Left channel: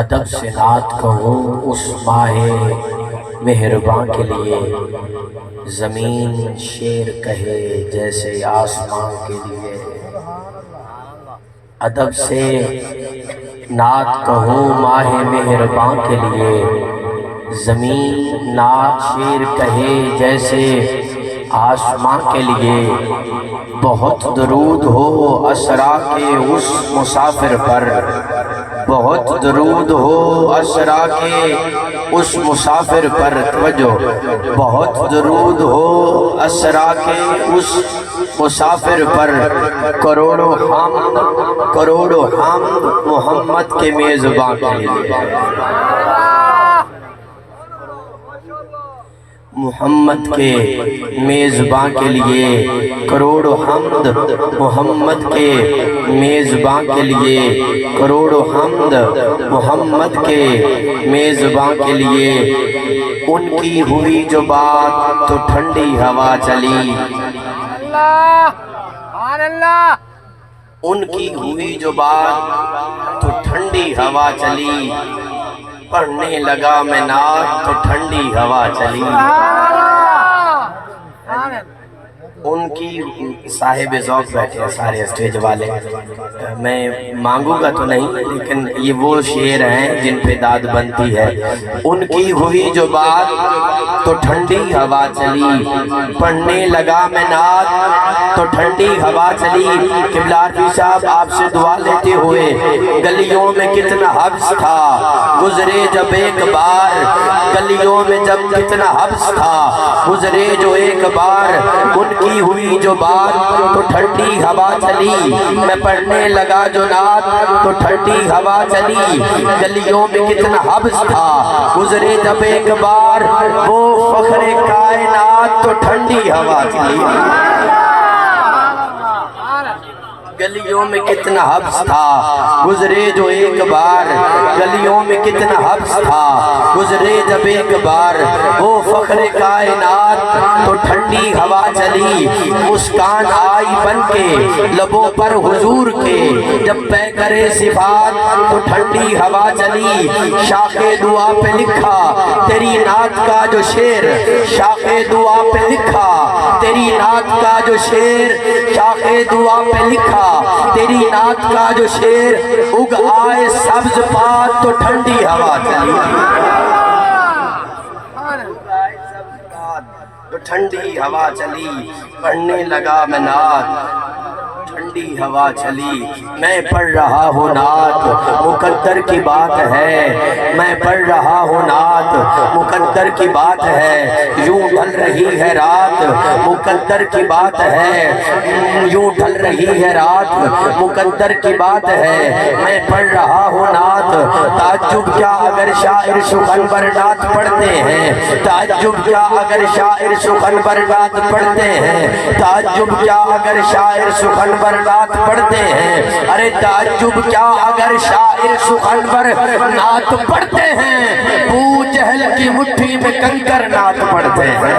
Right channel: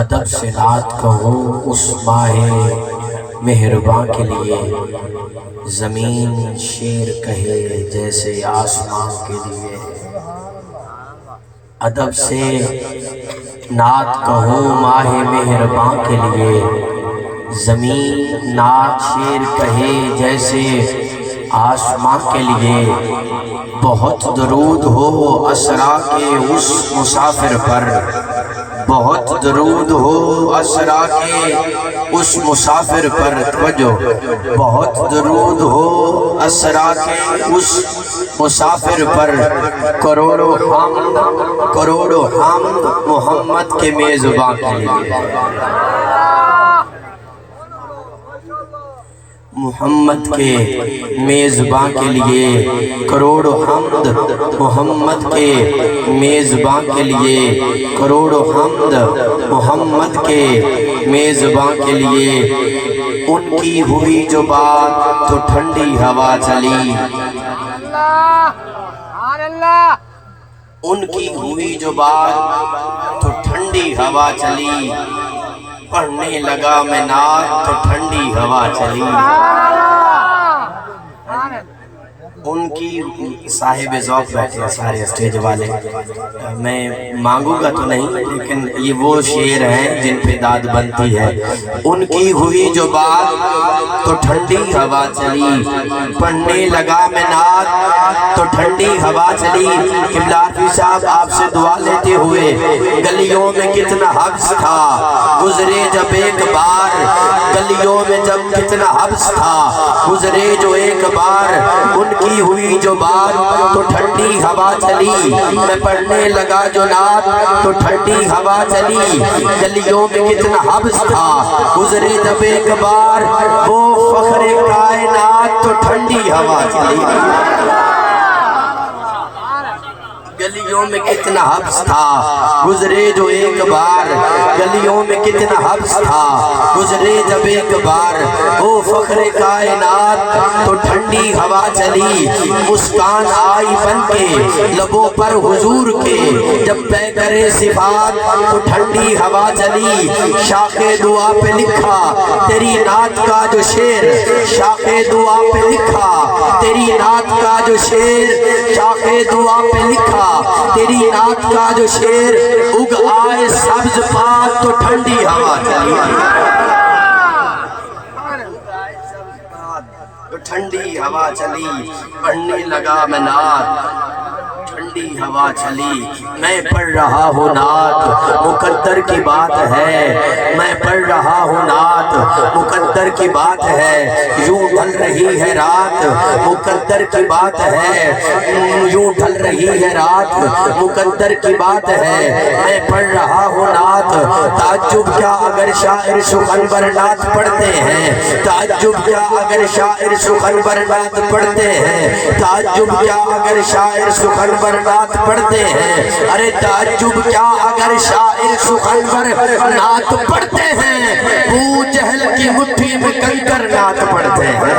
ادب سے نعت کہوں اس ماہ مہرباں کے لیے، زمین شعر کہے جیسے آسمان کے لیے۔ ادب سے نعت کہوں ماہ مہرباں کے لیے، زمین نعت شعر کہے جیسے آسمان کے لیے۔ بہت درود ہو اسرا کے اس مسافر پر، بہت درود ہو اسرا کے اس مسافر پر، توجہ، بہت درود ہو اسرا کے اس مسافر پر، کروڑوں حمد محمد کے میزباں کے لیے۔ محمد کے میزباں کے لیے کروڑوں حمد، محمد کے میزباں کے لیے کروڑوں حمد، محمد کے میزباں کے لیے۔ ان کی ہوئی جو بات تو ٹھنڈی ہوا چلی، ان کی ہوئی جو بات تو ٹھنڈی ہوا چلی، پڑھنے لگا میں نعت تو ٹھنڈی ہوا چلی۔ ان کی صاحب ذوق بیٹھے ہیں سارے اسٹیج والے، میں مانگوں گا تو نہیں لیکن یہ وہ شعر ہیں جن پہ داد بنتی ہے۔ ان کی ہوئی جو بات تو ٹھنڈی ہوا چلی، پڑھنے لگا میں نعت تو ٹھنڈی ہوا چلی۔ قبلہ عارفی صاحب آپ سے دعا لیتے ہوئے، گلیوں میں کتنا حبس تھا گزرے جب ایک بار، گلیوں میں جب کتنا حبس تھا گزرے جو ایک بار، ان کی ہوئی جو بات تو ٹھنڈی ہوا چلی، میں پڑھنے لگا جو نعت تو ٹھنڈی ہوا چلی۔ گلیوں میں کتنا حبس تھا گزرے جب ایک بار، وہ فخر کائنات تو ٹھنڈی ہوا چلی۔ گلیوں میں کتنا حبس تھا گزرے جو ایک بار، گلیوں میں کتنا حبس تھا گزرے جب ایک بار، وہ فخر کائنات تو ٹھنڈی ہوا چلی۔ مسکان آئی بن کے لبوں پر حضور کے، جب پہ کرے صفات تو ٹھنڈی ہوا چلی۔ شاخ دعا پہ لکھا تیری نعت کا جو شعر، شاخ دعا پہ لکھا تیری نعت کا جو شعر، شاخ دعا پہ لکھا تیری نعت کا جو شعر، اگ آئے سبز پات تو ٹھنڈی ہوا چلی۔ تو ٹھنڈی ہوا چلی، پڑھنے لگا میں نعت ٹھنڈی ہوا چلی۔ میں پڑھ رہا ہوں نعت مقدر کی بات ہے، میں پڑھ رہا ہوں نعت مقدر کی بات ہے، یوں ڈھل رہی ہے رات مقدر کی بات ہے، یوں ڈھل رہی ہے رات مقدر کی بات ہے۔ میں پڑھ رہا ہوں نعت، تعجب کیا اگر شاعر سخنور نعت پڑھتے ہیں، تعجب کیا اگر شاعر سخنور نعت پڑھتے ہیں، تعجب کیا اگر شاعر سخنور نعت پڑھتے ہیں، ارے تعجب کیا اگر شاعر سخنور نعت پڑھتے ہیں، ابو جہل کی مٹھی میں کنکر نعت پڑھتے ہیں۔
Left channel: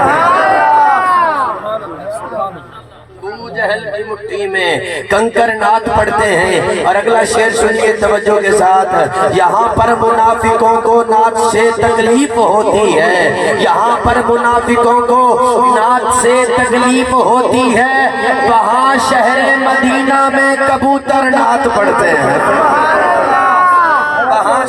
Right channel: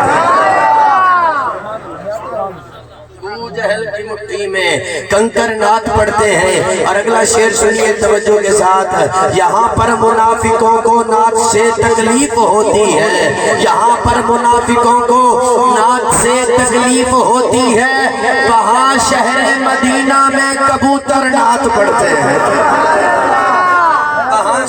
جہل کی مٹھی میں کنکر نعت پڑھتے ہیں۔ اور اگلا شعر سنیے توجہ کے ساتھ، یہاں پر منافقوں کو نعت سے تکلیف ہوتی ہے، یہاں پر منافقوں کو نعت سے تکلیف ہوتی ہے، وہاں شہر مدینہ میں کبوتر نعت پڑھتے ہیں،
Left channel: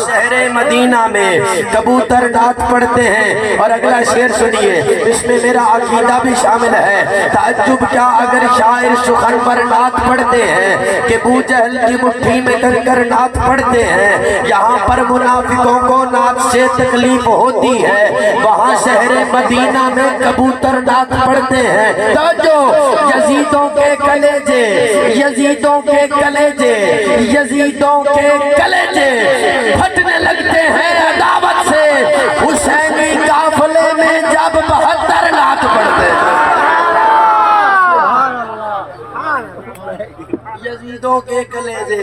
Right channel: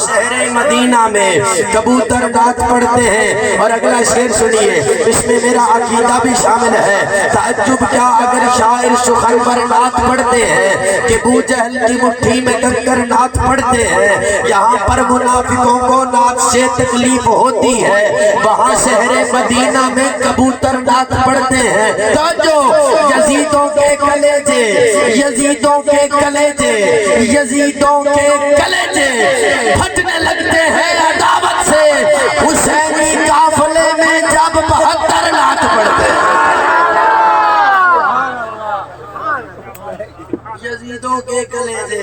شہر مدینہ میں کبوتر نعت پڑھتے ہیں۔ اور اگلا شعر سنیے، اس میں میرا عقیدہ بھی شامل ہے۔ تعجب کیا اگر شاعر سخنور نعت پڑھتے ہیں کہ ابو جہل کی مٹھی میں کنکر نعت پڑھتے ہیں، یہاں پر منافقوں کو نعت سے تکلیف ہوتی ہے، وہاں شہر مدینہ میں کبوتر نعت پڑھتے ہیں۔ توجہ، یزیدوں کے کلیجے، یزیدوں کے کلیجے، یزیدوں کے کلیجے پھٹنے لگتے ہیں عداوت سے، حسینی قافلے میں جب 72 نعت پڑھتے ہیں۔ یزیدوں کے کلیجے،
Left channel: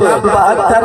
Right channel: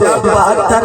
72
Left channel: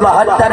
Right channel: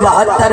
72